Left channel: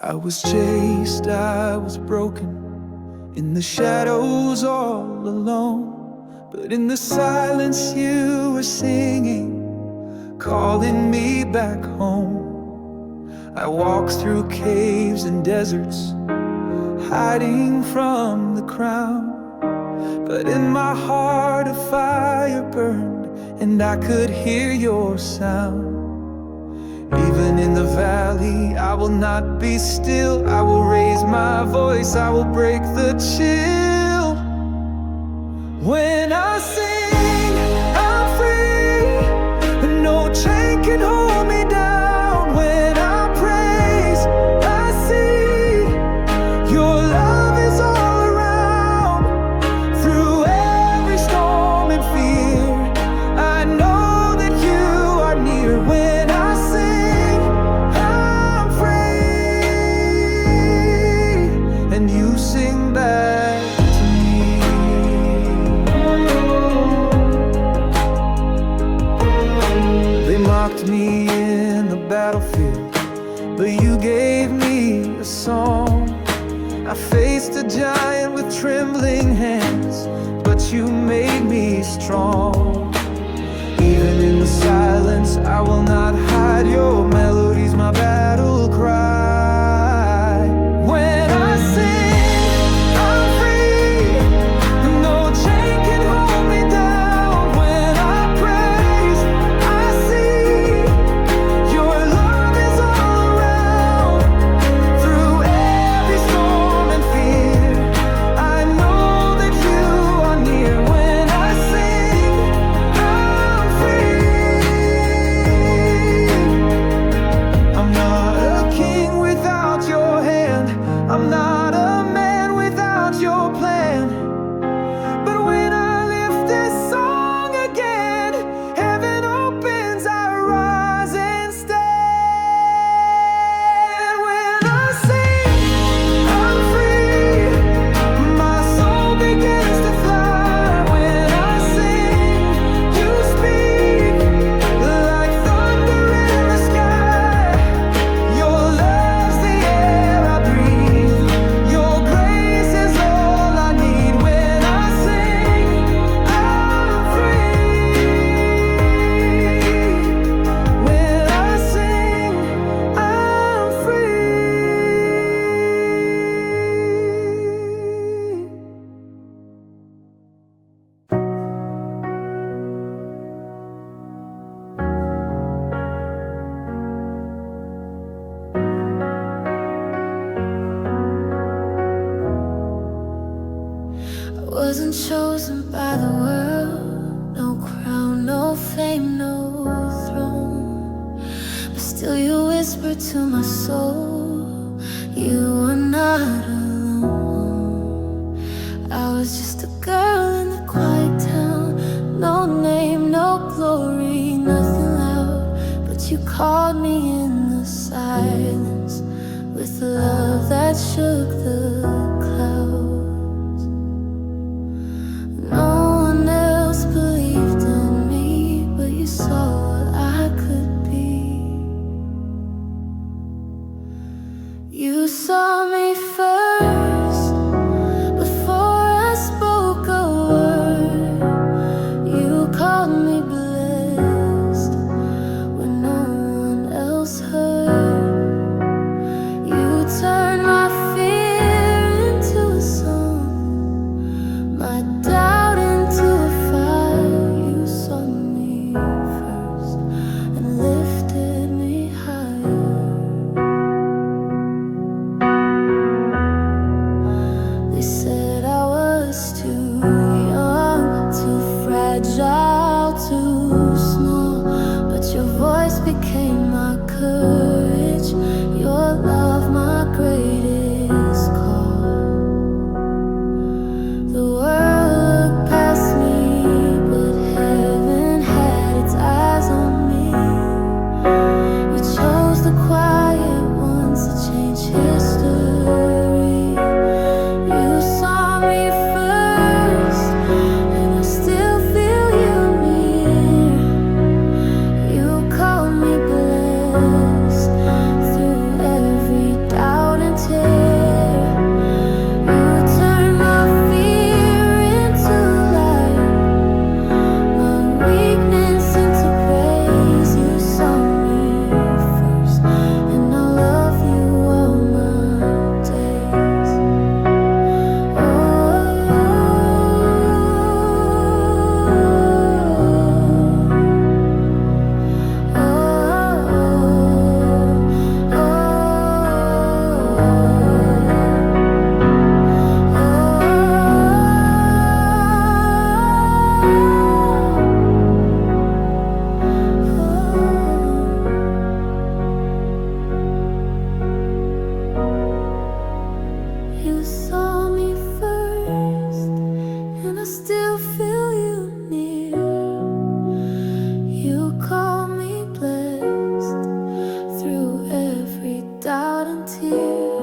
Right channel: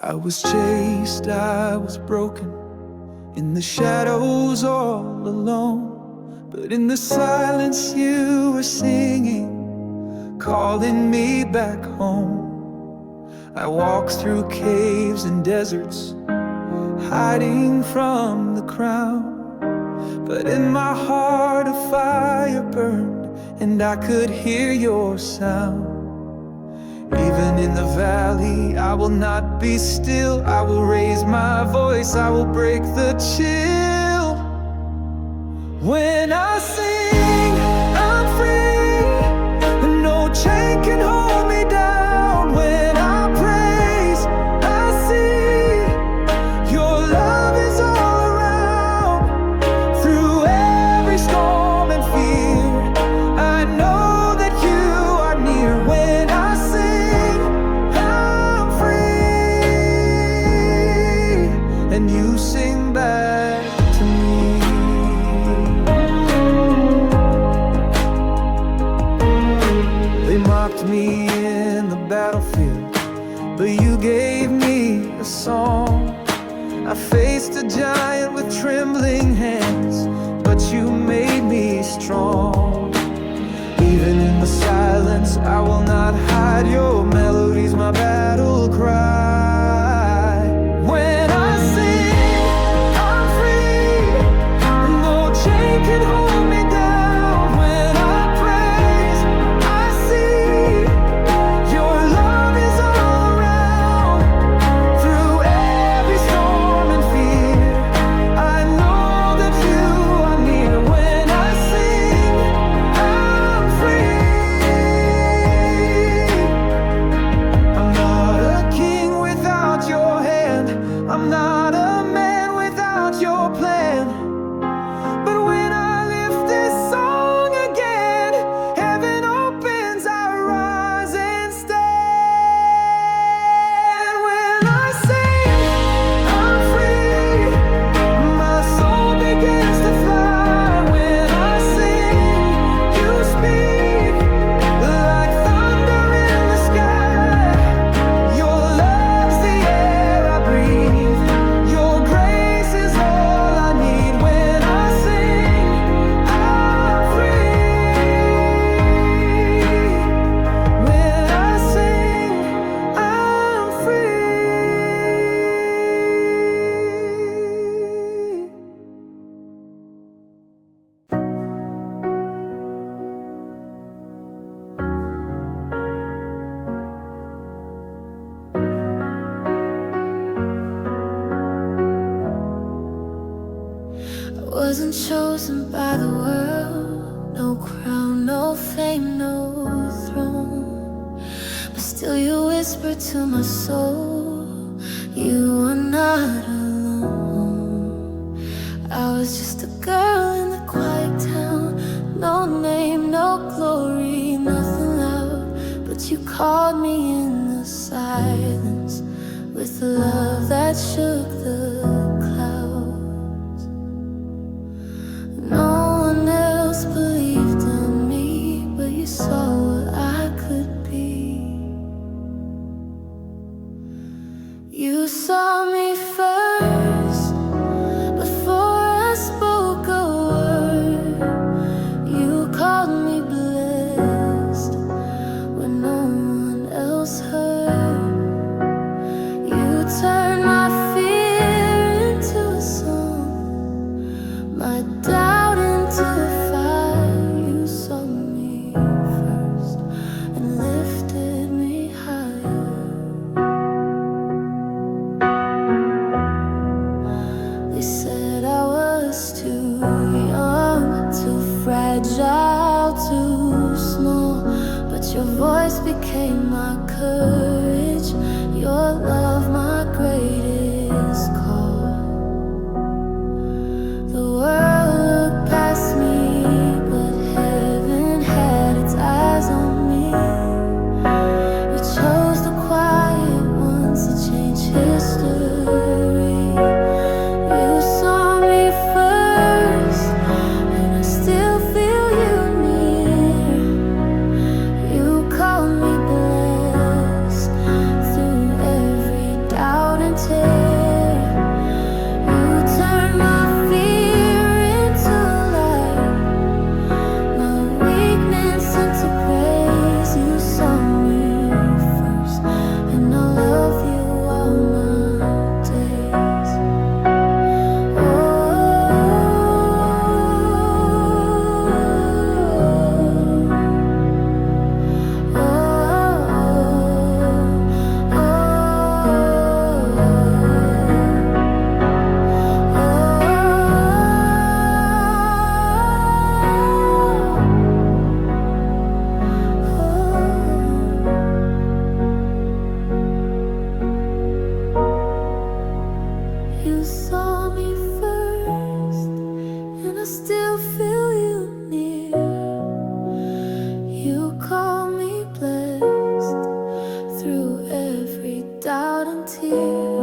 I was chased, I was broken, in the shadows all alone. But in the silence you were singing, calling me back home. I walked through caves and deserts, hiding from the crown. But in my heart a fire burned, and I could hear your sound. Even in the valley I will not be still. I will raise my voice, I will break the chill. When I sing, I'm free, and no chain can hold me down. When I praise, I see your love is all around. Through every storm and fear, I know that you are near. When I sing, I'm free, and you sing back to me. They mocked me in the battlefield, but you gave me a song. I faced a giant with trembling hands, but you made me strong. Even in the silence I will not hide, your melody's my battle cry. When I sing, I'm free, no chain can hold me down. When I praise, I see your love is all around. Through every storm and fear, I know that you are near. When I sing, I'm free. I'm not a king without your hand, I'm not a man without your plan. But when I lift this song again, heaven opens, I rise and stand. When I sing, I'm free, my soul begins to fly. When I sing, you speak like thunder in the sky. Your love's the air I breathe, your grace is all I need. When I sing, I'm free. When I sing, I'm free. I wasn't chosen by the world, no crown, no fame, no throne. But still you whispered to my soul, you are not alone. I was just a girl in the quiet town, no name, no glory, nothing loud. But you called me in the silence with a love that shook the clouds. No one else believed in me, but you saw what I could be. You saw me first, before I spoke a word. You called me blessed when no one else heard. You turned my fear into a song, my doubt into a fire. You saw me first and lifted me higher. They said I was too young, too fragile, too small. But your voice became my courage, your love my greatest call. The world looked past me, but heaven had its eyes on me. You chose the quiet ones to change history. You saw me first, and I still feel you near. You called me blessed through every doubt tear. You turn my fear into light, my weakness into praise. You saw me first, and I'll love you all my days. Oh, oh, oh, you saw me first, and I still feel you near. You call me blessed through every doubt and tear.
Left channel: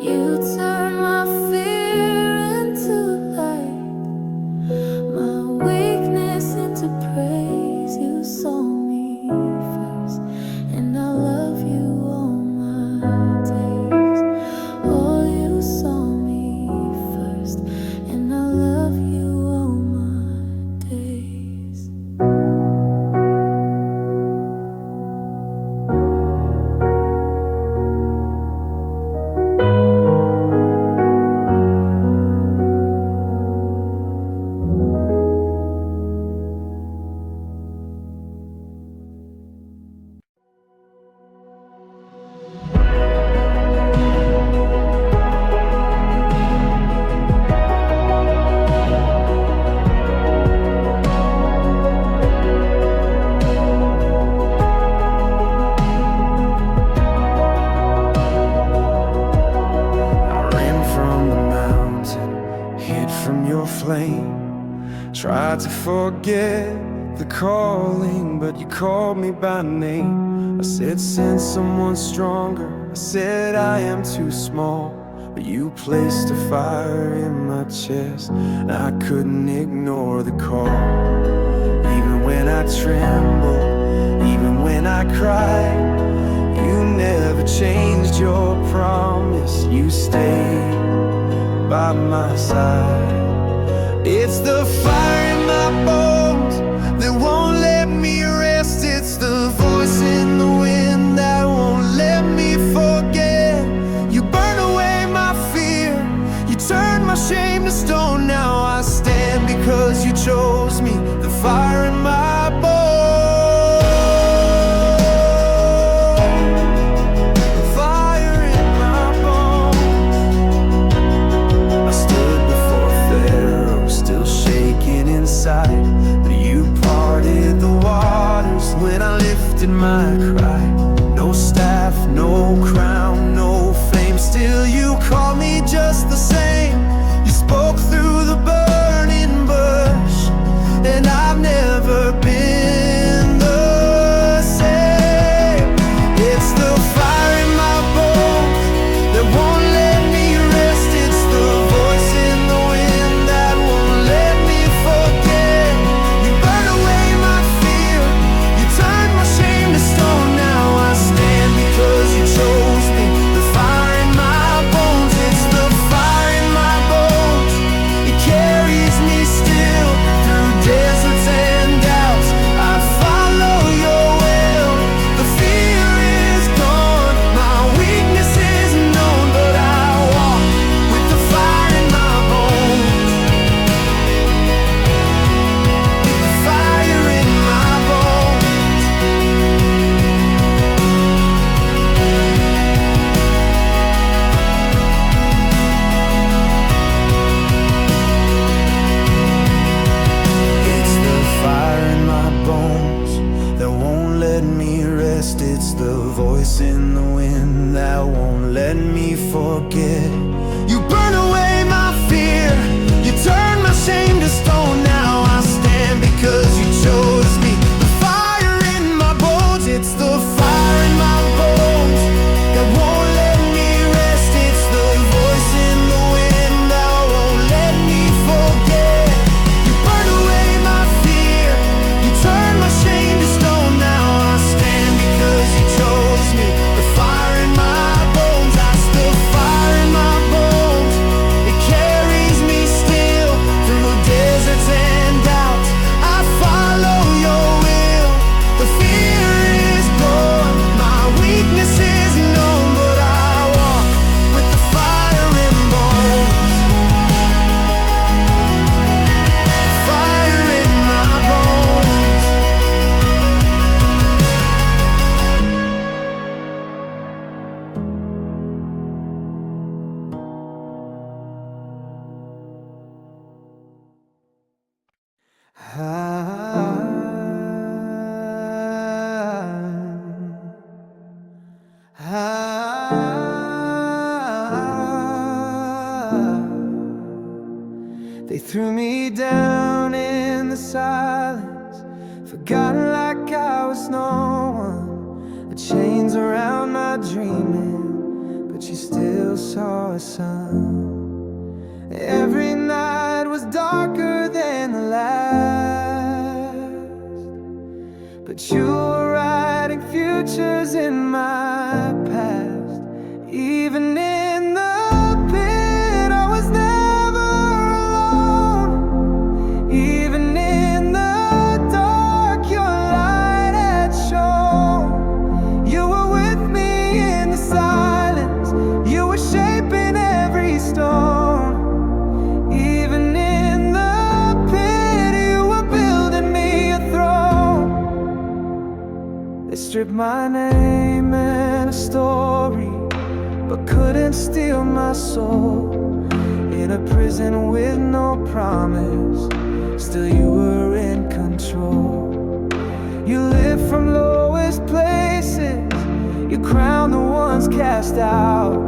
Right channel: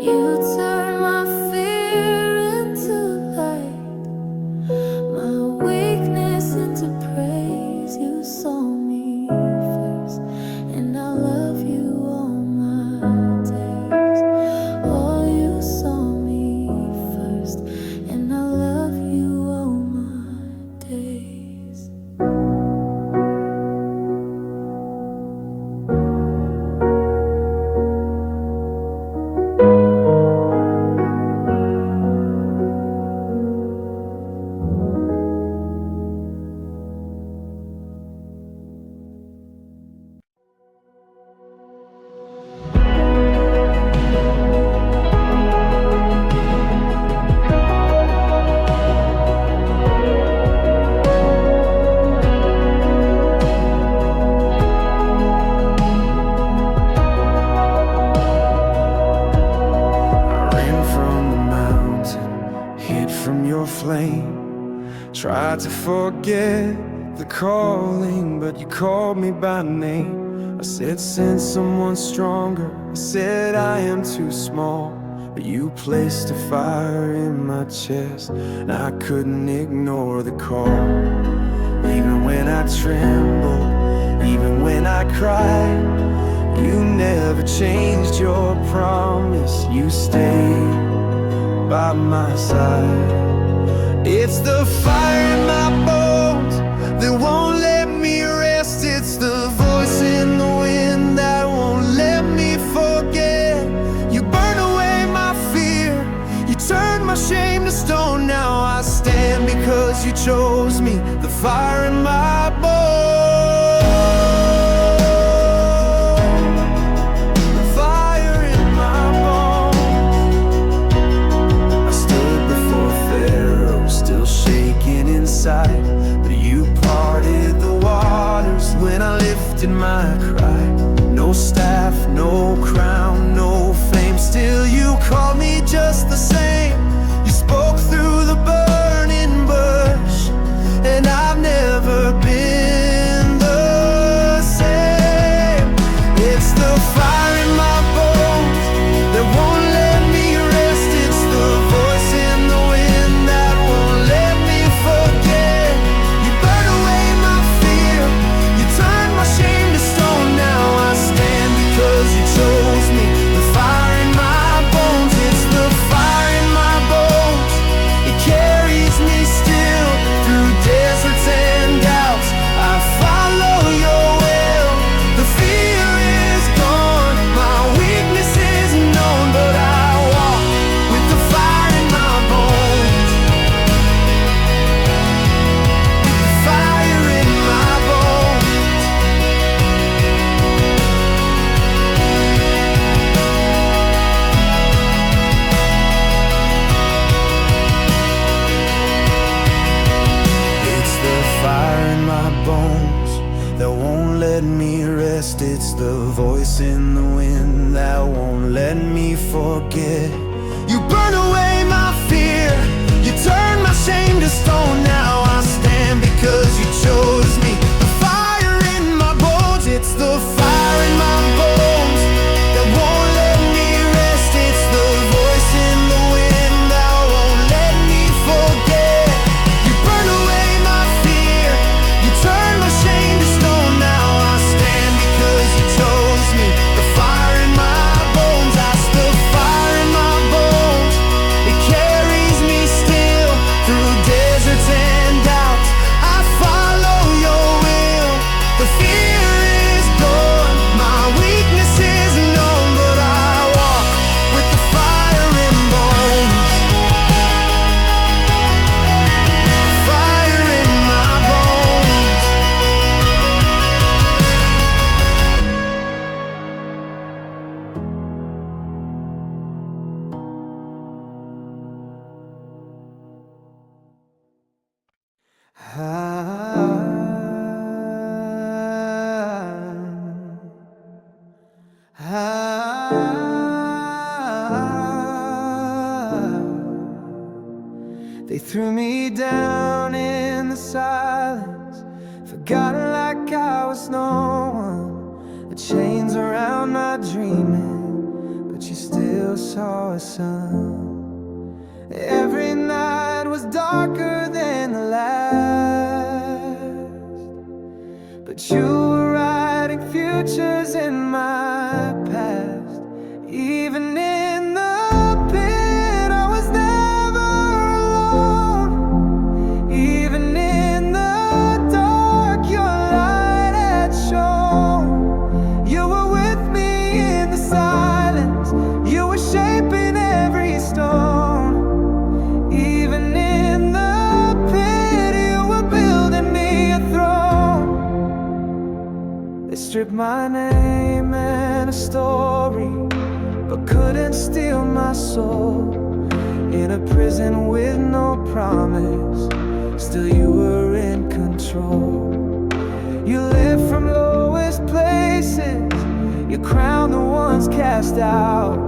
You turn my fear into light, my weakness into praise. You saw me first, and I love you all my days. Oh, you saw me first, and I love you all my days. From your flame, tried to forget the calling, but you called me by name. I said, send someone stronger. I said, I am too small, but you placed a fire in my chest, and I couldn't ignore the call. Even when I trembled, even when I cried, you never changed your promise. You stayed by my side. It's the fire in my bones that won't let me rest. It's the voice in the wind that won't let me forget. You burn away my fear, you turn my shame to stone. Now I stand because you chose me, the fire in my bones. But you parted the waters when I lifted my cry. No staff, no crown, no fame, still you call me just the same. You spoke through the burning bush, and I've never been the same. It's the fire in my bones that won't let me rest. It's the voice in the wind that won't let me forget. You burn away my fear, you turn my shame to stone. Now I stand because you chose me, the fire in my bones. It's the fire in my bones, it carries me still through deserts and doubts. I follow your will, the fear is gone, my weakness is known, but I walk with the fire in my bones, with the fire in my bones. It's the fire in my bones that won't let me rest. It's the voice in the wind that won't let me forget. You burn away my fear, you turn my shame to stone. Now I stand because you chose me, the fire in my bones. It's the fire in my bones that won't let me rest. It's the voice in the wind that won't let me forget. You burn away my fear, you turn my shame to stone. Now I stand because you chose me, the fire in my bones. I They threw me down in the silence, forgotten like I was no one. The chains around my dreaming, but you still saw a sun. Every night was darker than the last, but you were writing futures in my past. Even in the pit, I was never alone. Even in the dark, your light had shone. You were with me in the silence, you were shaping every stone. Even in the pit, you were building me a throne. They stripped my name and a story, but couldn't steal my soul. In a prison with no promise, still you were in control. You live from lowest places, you crown the ones cast out.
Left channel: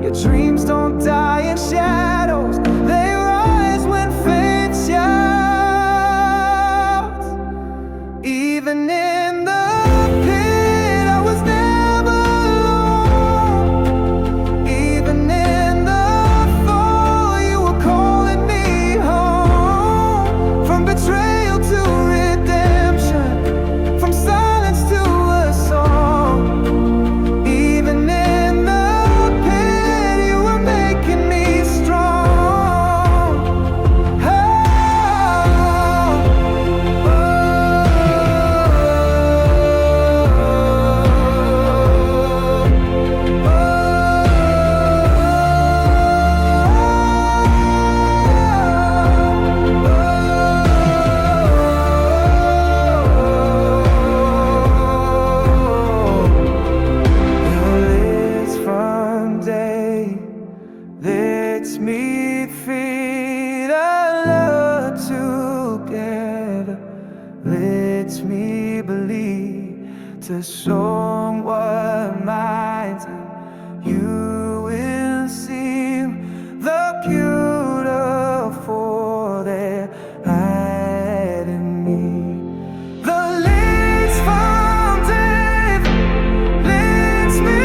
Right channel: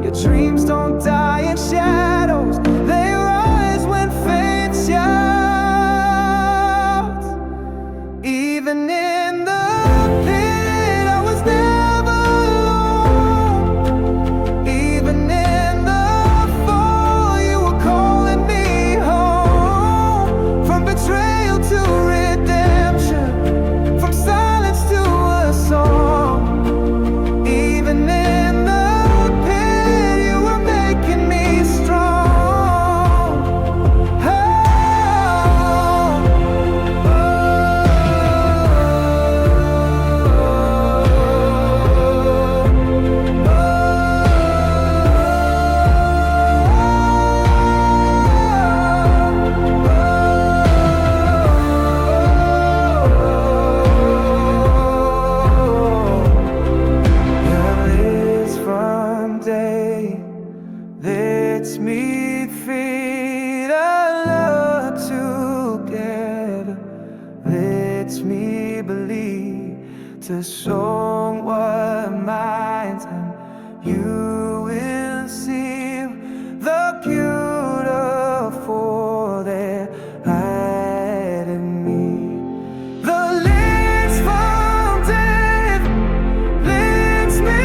Your dreams don't die in shadows, they rise when faith shouts. Even in the pit, I was never alone. Even in the fall, you were calling me home. From betrayal to redemption, from silence to a song. Even in the lets me feed our love together, lets me believe to song what minds and you will see the beautiful that hide in me. The lids from death lets me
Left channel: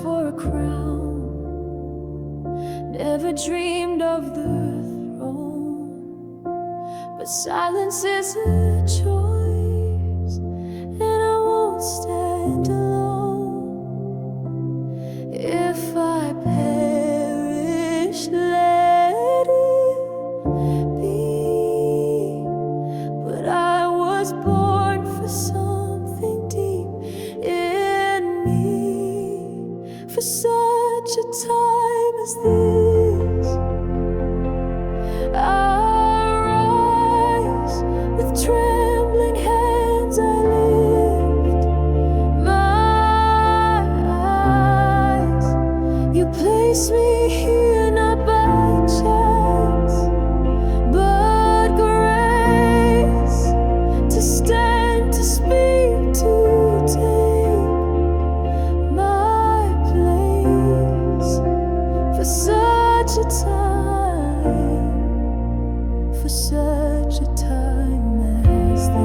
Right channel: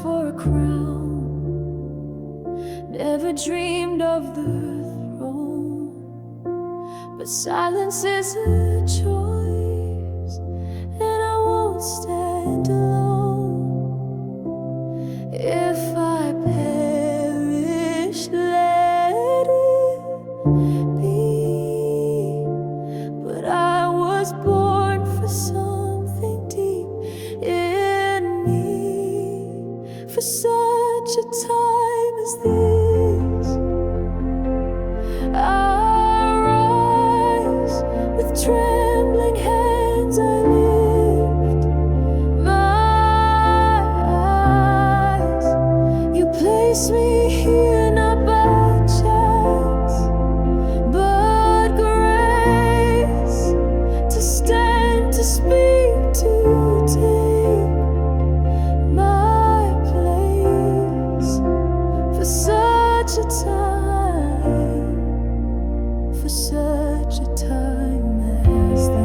for a crown, never dreamed of the throne, but silence is a choice, and I won't stand alone. If I perish, let it be, but I was born for something deep in me, for such a time as this. I rise with trembling hands, I lift such a time, for such a time as this.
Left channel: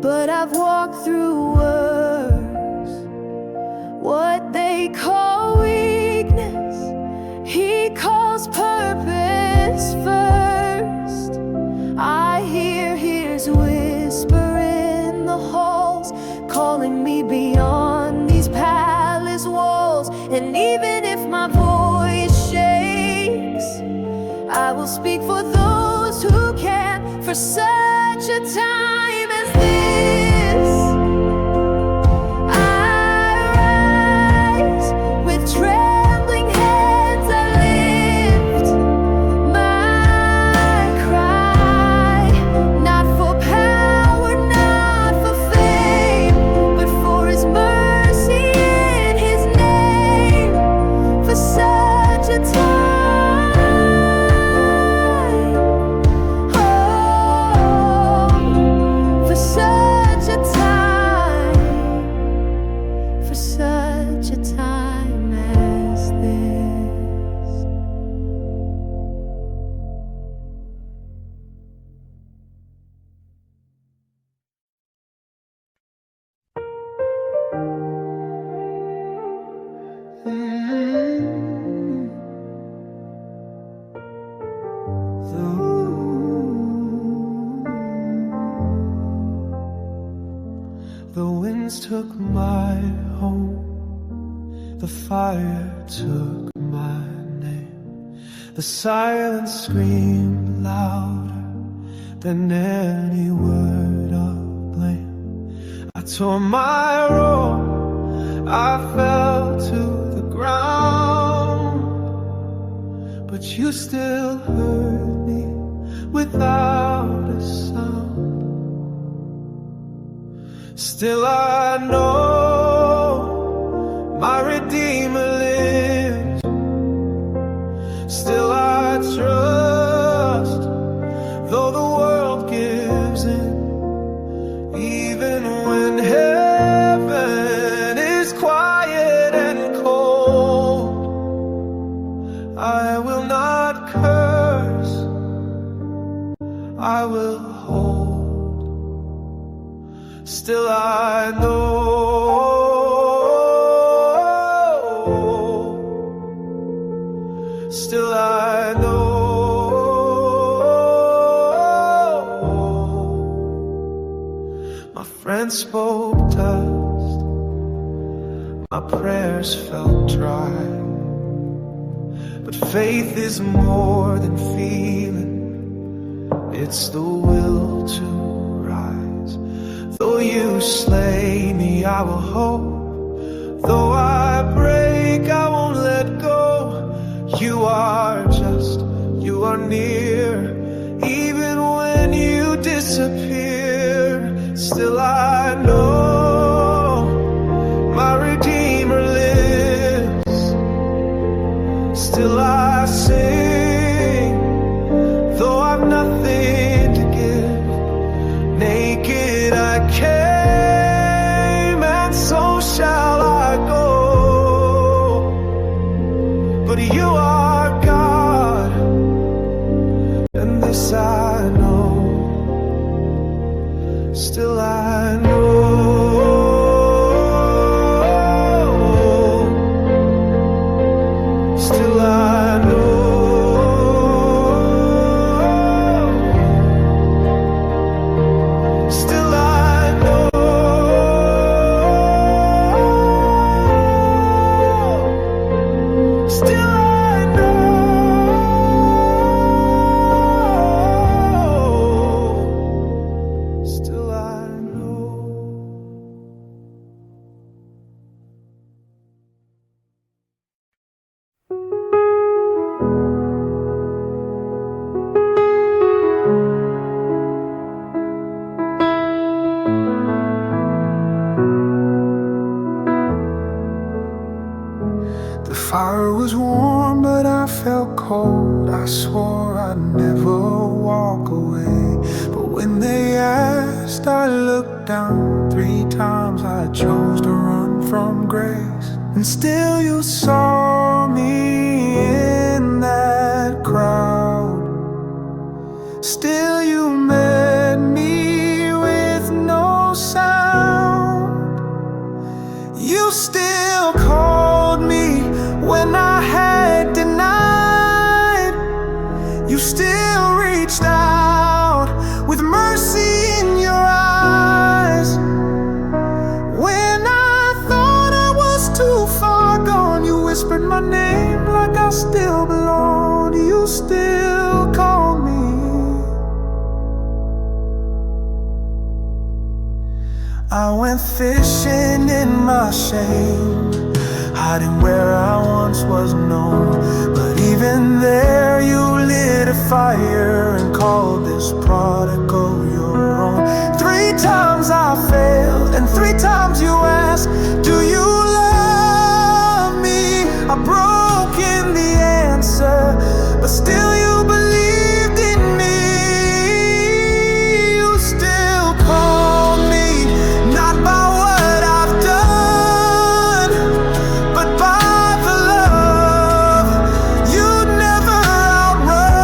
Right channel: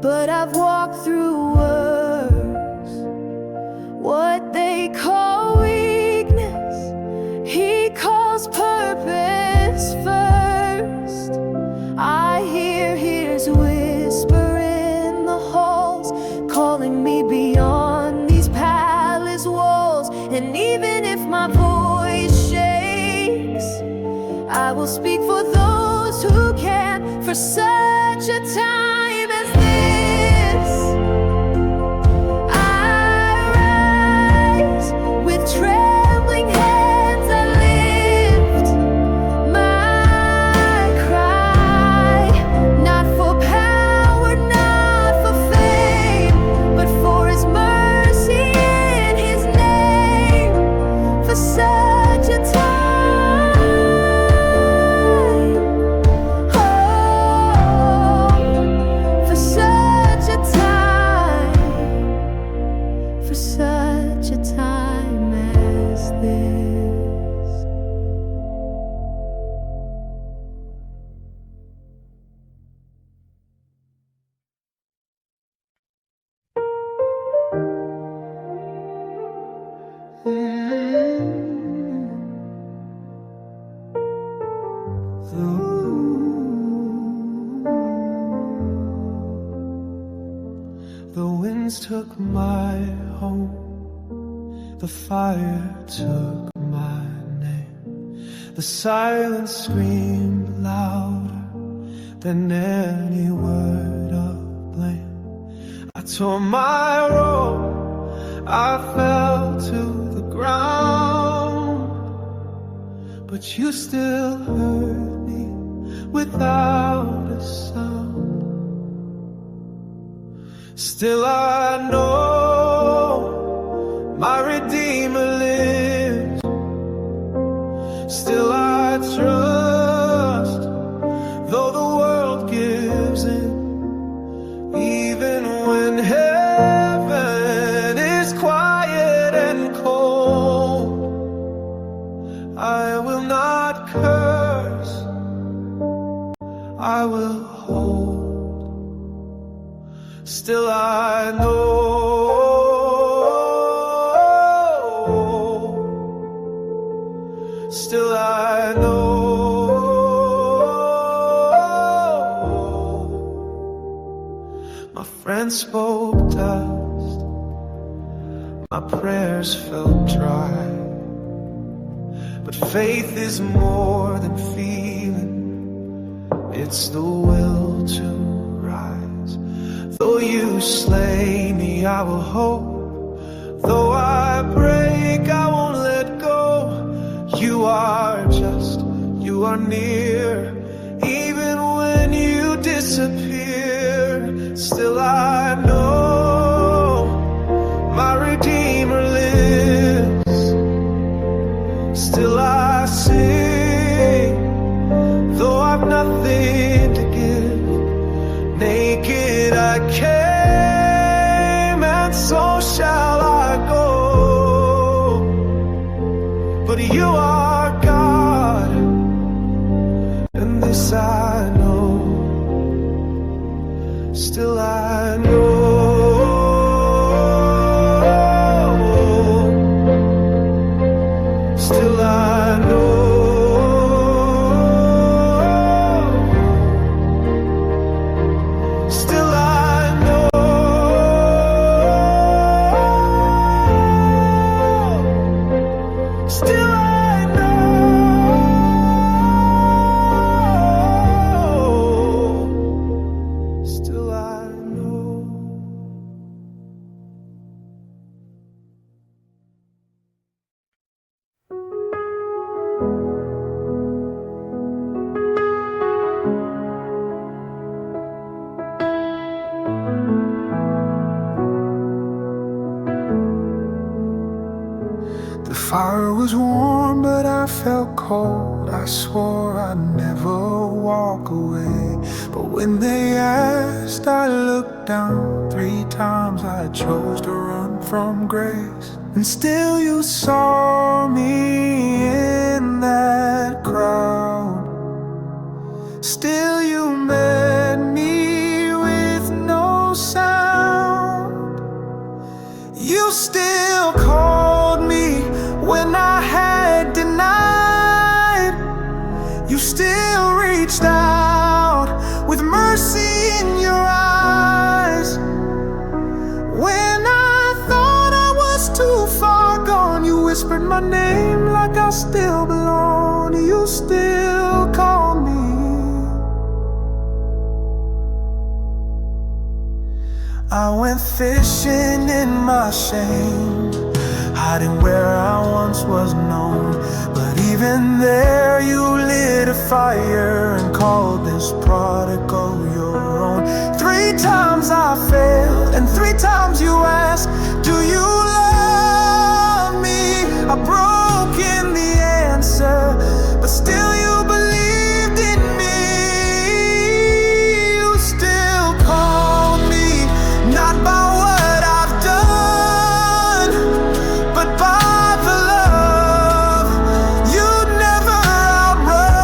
But I've walked through worse. What they call weakness, he calls purpose first. I hear his whisper in the halls, calling me beyond these palace walls. And even if my voice shakes, I will speak for those who can, for such a time as this. Trembling hands I lift my cry, not for power, not for fame, but for his mercy in his name, for such a time, oh, for such a time, for such a time as this. The winds took my home, the fire took my name. The silence screamed louder than any word of blame. I tore my robe, I fell to the ground, but you still heard me without a sound. Still I know my Redeemer lives. Still I trust, though the world gives in. Even when heaven is quiet and cold, I will not curse, I will hold. Still I know, still I know, my friends spoke dust, my prayers felt dry, but faith is more than feeling, it's the will to rise. Though you slay me, I will hope. Though I break, I won't let go. You are just, you are near. Even when you disappear, still I know my Redeemer lives. Still I sing, though I've nothing to give. Naked I came, and so shall I go. But you are God, and this I know. Still I know, still I know. Still I know. The fire was warm, but I felt cold. I swore I'd never walk away. But when they asked, I looked down. 3 times I chose to run from grace. And still you saw me in that crowd. Still you met me with no sound. You still called me when I had denied. You still reached out with mercy in your eyes. When I thought I was too far gone, you whispered my name like I still belonged. You still called me. I went fishing in my shame, hiding where I once was known. But even there you lit a fire and called this prodigal your own. 3 times I failed and 3 times you asked, do you love me? I broke in the answer, but still you believed in me. You still called me, not by what I've done, but by the love you'd never outrun.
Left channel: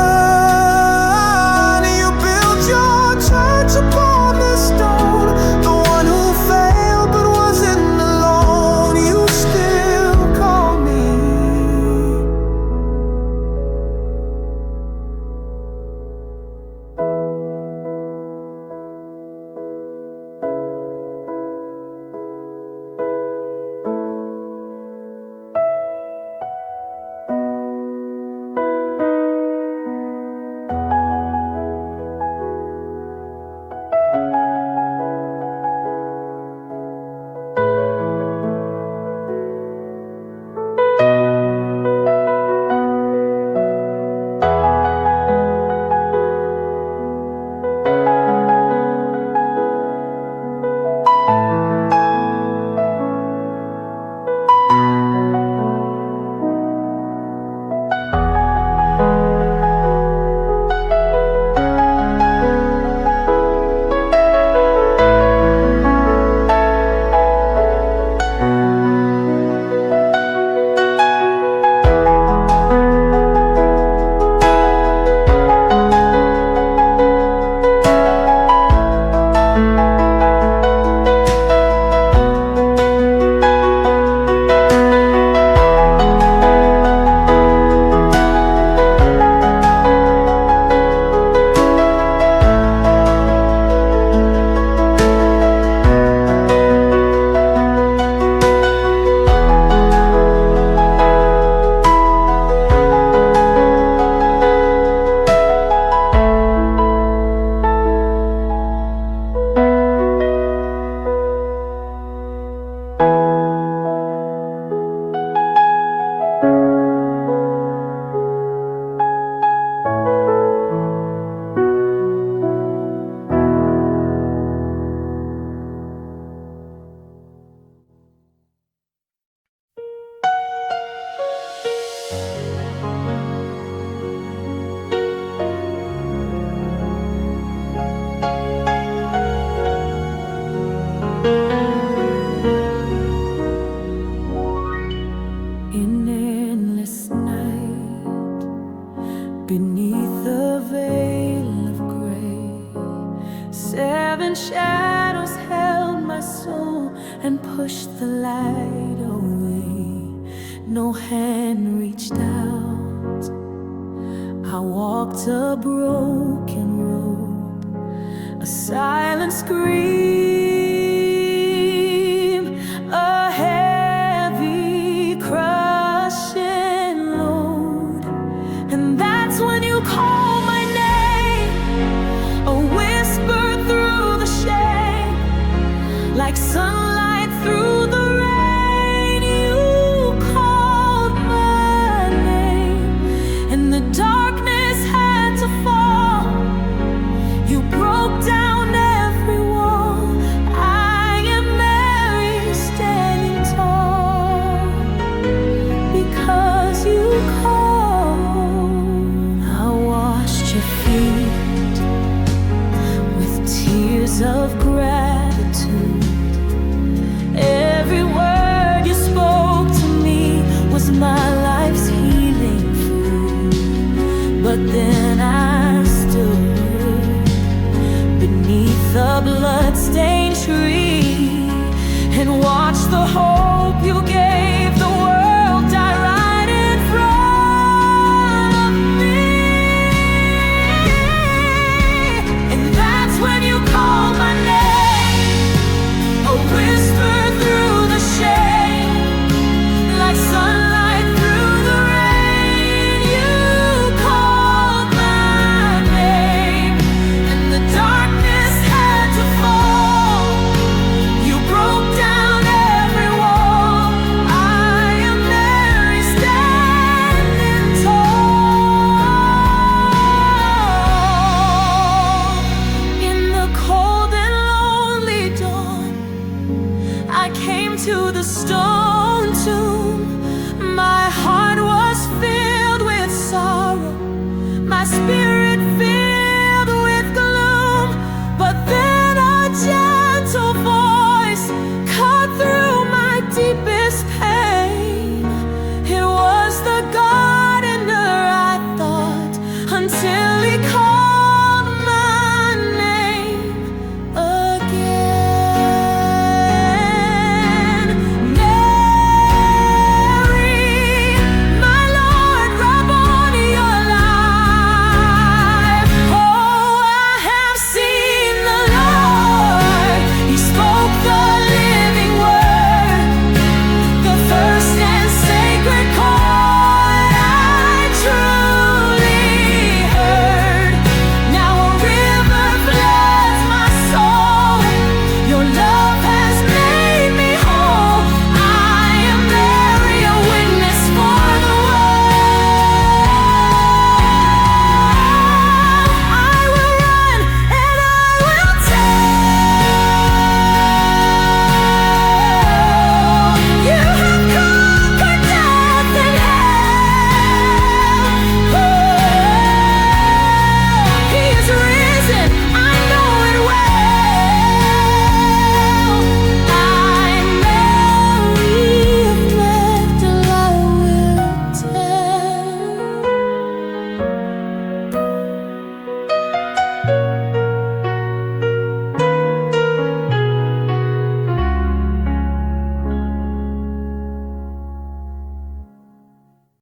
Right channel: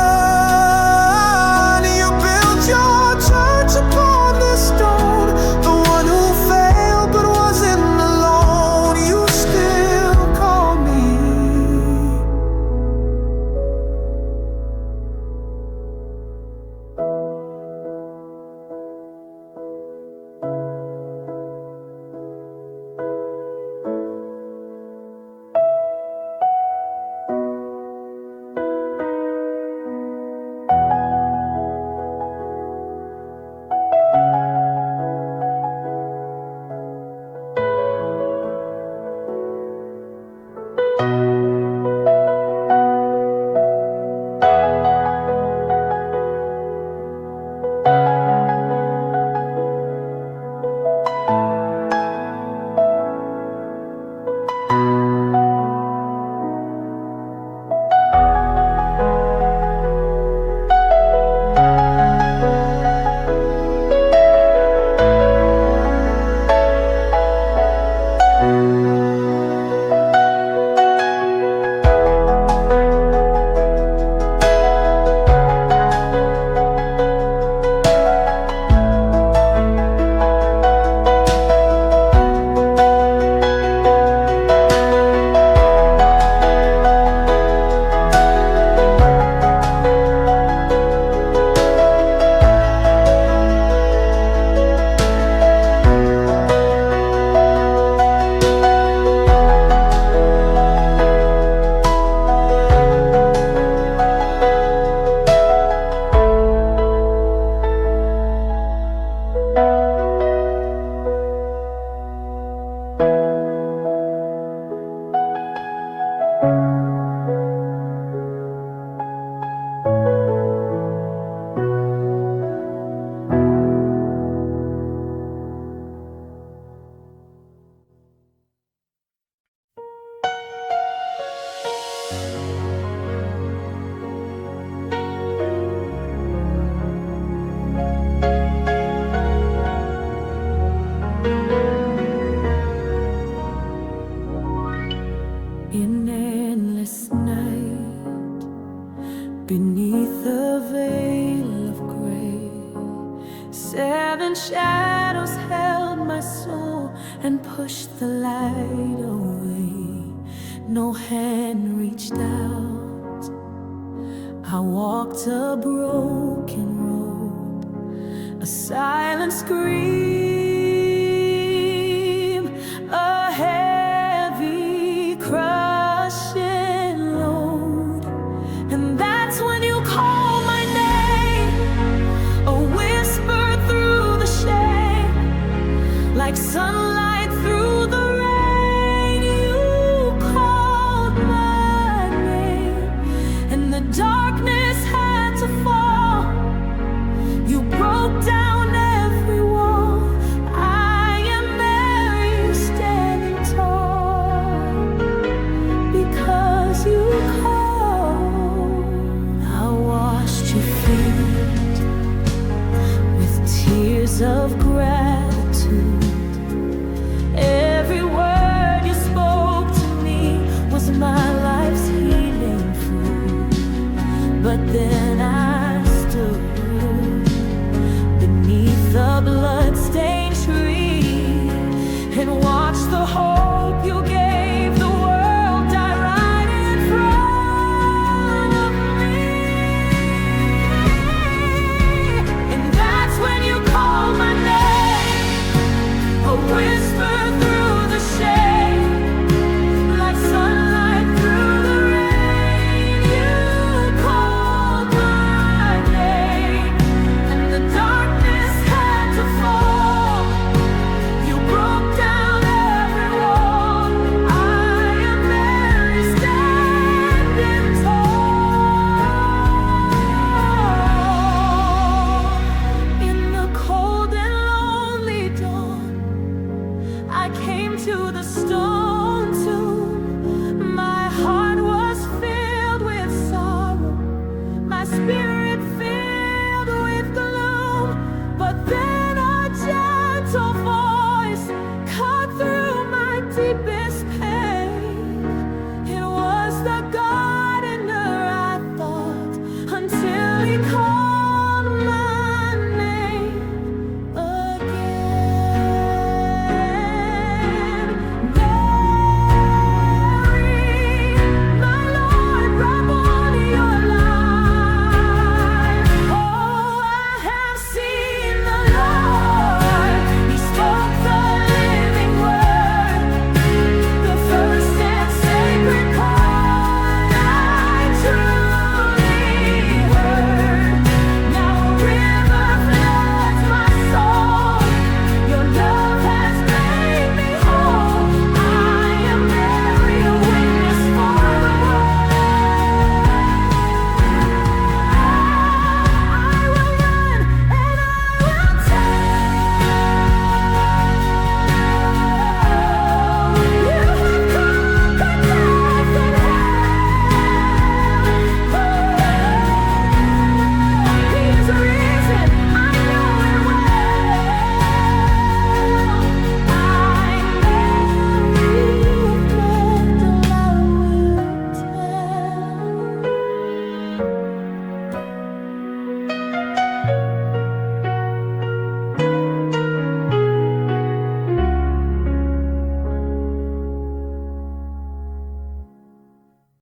You built your church upon this stone, the one who failed but wasn't alone. You still call me. In endless night, beneath the veil of gray, 7 shadows held my soul and pushed the light away. No hand reached out. I walked a broken road, a silent scream, a heavy crushing load. And that's when you called my name, a whisper through the shame, like sunlight through the rain. You called my name, and the darkness had to fall. You broke down every wall. words of gratitude. Every word you spoke to me was my life's healing food. But then I stood beneath the blood-stained tree and watched the hope you gave the world die right in front of me. And that's when you called my name, a whisper through the shade, like sunlight through the rain. You called my name, and the darkness had to fall. You broke down every wall. I am Mary standing tall. In the cold and lonely dawn, I came to the storm.